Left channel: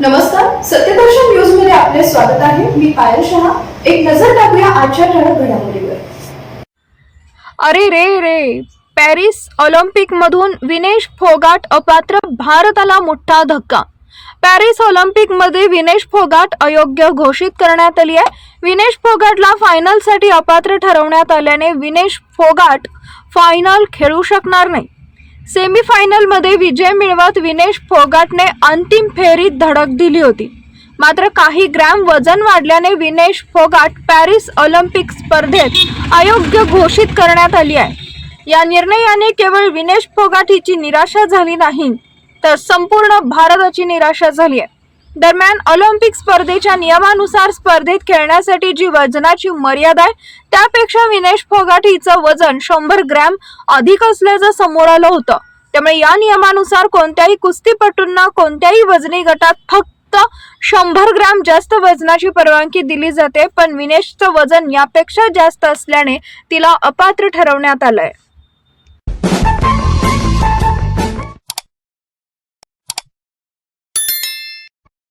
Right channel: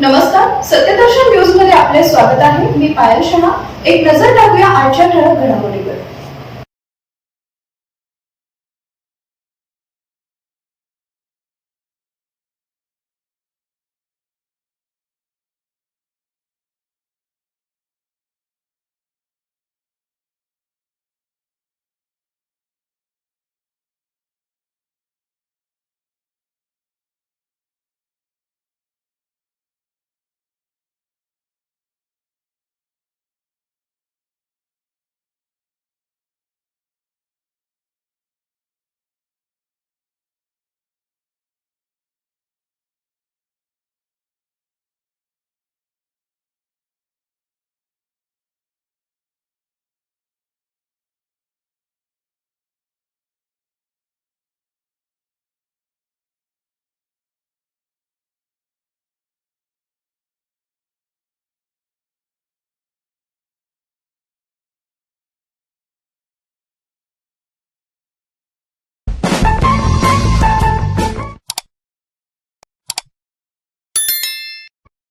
नमस्कार सत्यदर्शन न्यूजमध्ये आपले स्वागत आहे. मी पायल शहा. एक नजर टाकूया आजच्या ठळक घडामोडीवर. अरे रे रे पॅरिस ऑलिम्पिकमधून विनेश फोगाट अपात्र भारताला मोठा धक्का. पॅरिस ऑलिम्पिकमध्ये विनेश फोगाट अयोग्य घोषित करण्यात आली आहे. विनेश फोगाटला फायनलसाठी अपात्र ठरवण्यात आल्याने विनेश फोगाट फायनल खेळू शकणार नाही. सेमीफायनलमध्ये विजय मिळवत विनेश फोगाटने अंतिम फेरीत धडक दिली होती. मात्र काही ग्रॅम वजन वाढल्याने विनेश फोगाट पॅरिस ऑलिम्पिक स्पर्धेत अयोग्य घोषित करण्यात आली आहे. या निर्णयाने केवळ विनेश फोगाट हिची निराशा झाली नाही तर संपूर्ण भारताची निराशा झाली आहे. दरम्यान ऑलिम्पिक स्पर्धेच्या नियमानुसार स्पर्धेत खेळण्यासाठी जी वजनाची मर्यादा आहे त्यापेक्षा विनेश फोगाट हिचं वजन शंभर ग्रॅम अधिक असल्याचं समोर आलं होतं. त्यामुळे या नियमानुसार कोणत्याही कुस्तीपटूंना कोणत्याही वजनी गटात फक्त शंभर ग्रॅम जास्त वजनाची परवानगी दिली जाते पण विनेशचं वजन यापेक्षा जास्त असल्याने तिला अपात्र ठरवण्यात आलंय.